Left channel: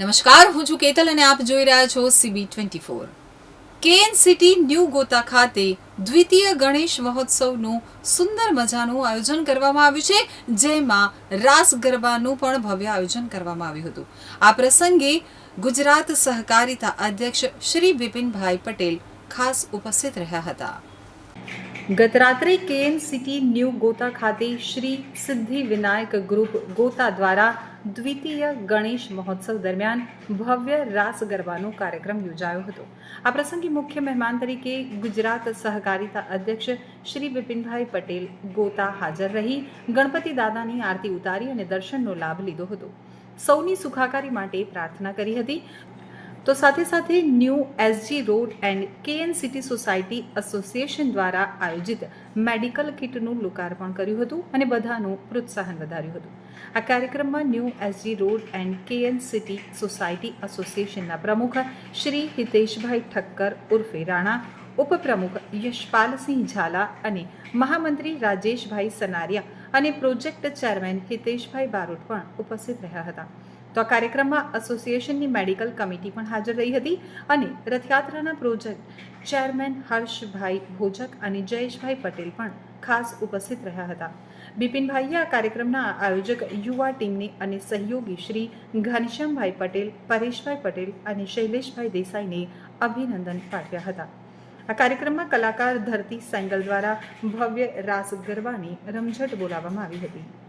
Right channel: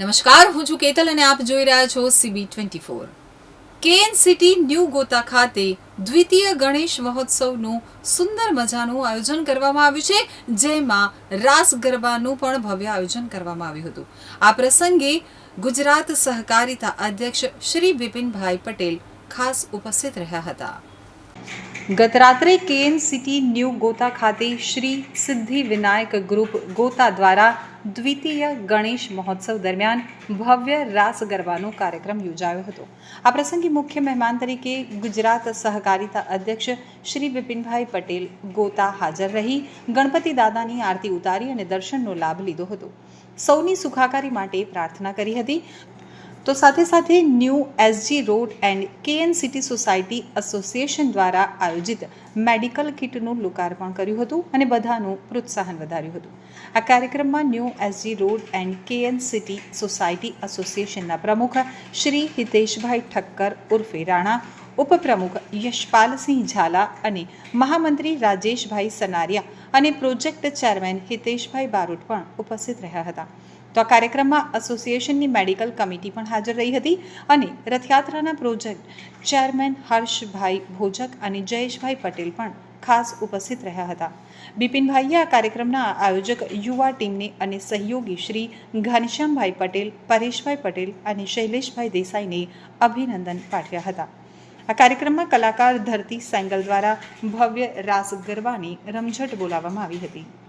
નમસ્કાર, હું છું કેતલ અને આપ જોઈ રહ્યા છો CB twenty four KN city new Gota ખાતે દ્વિતીય ગણેશ મહોત્સવનું સુંદર મજાનું આયોજન કરવામાં આવ્યું છે, જેમાં રાસ ગરબાનું પણ ભવ્ય આયોજન કરવામાં આવ્યું હતું. આ પ્રસંગે ગુજરાત સહકારિતા અધ્યક્ષ શ્રી બિપિનભાઈ પટેલ ખાસ ઉપસ્થિત રહ્યા હતા. ગત રાત્રે કેએમ સિટી ન્યૂ ગોતા ખાતે શ્રી સિદ્ધિ વિનાયક ગ્રુપ ગોતા દ્વારા દ્વિતીય ગણેશ મહોત્સવ દરમિયાન ભવ્ય રાસ ગરબાનો કાર્યક્રમ યોજાયો હતો. આ પ્રસંગે મુખ્ય મહેમાન તરીકે ગુજરાત સહકારિતા અધ્યક્ષ શ્રી બિપિનભાઈ પટેલ ગોતા હાજર રહી, ગણપતિ દાદાની આરતી ઉતારી અને દર્શનનો લાભ લીધો હતો. સૌની સુખાકારી માટે પ્રાર્થના કરી હતી. તો સાથે સાથે new SG road and KN city society association દ્વારા આયોજિત મેડિકલ કિટનું લોકાર્પણ કર્યું હતું અને બધાનું પ્રોત્સાહન વધાર્યું હતું. આ કાર્યક્રમમાં new SG road and KN city society એસોસિએશનના પ્રમુખ શ્રી હિતેશભાઈ ઠક્કર ઉર્ફે રાણા, ઉપપ્રમુખ યશપાલસિંહ ઝાલા અને મહામંત્રી રાજેશભાઈ સનારિયા અને પ્રોજેક્ટ ચેરમેન હિતેશભાઈ બારોટ પણ ઉપસ્થિત રહ્યા હતા. તો આ કાર્યક્રમમાં એસોસિએશનની મેડિકલ કમિટી પણ હાજર રહી હતી અને રથયાત્રાના પ્રોજેક્ટ ચેરમેન હર્ષભાઈ ભોજક અને જયેશભાઈ પટેલ પણ ખાસ ઉપસ્થિત રહ્યા હતા. બિપિનભાઈએ આ કાર્યક્રમના આયોજક યુવા ટીમને અને સહયોગી શ્રી ઘનશ્યામભાઈ પટેલ, પરેશભાઈ પટેલ અને શૈલેષભાઈ દેસાઈને અભિનંદન પાઠવ્યા હતા. આ કાર્યક્રમમાં કલાકાર ધરતી સેંગલ દ્વારા ભવ્ય રાસ ગરબાની રમઝટ બોલાવવામાં આવી હતી.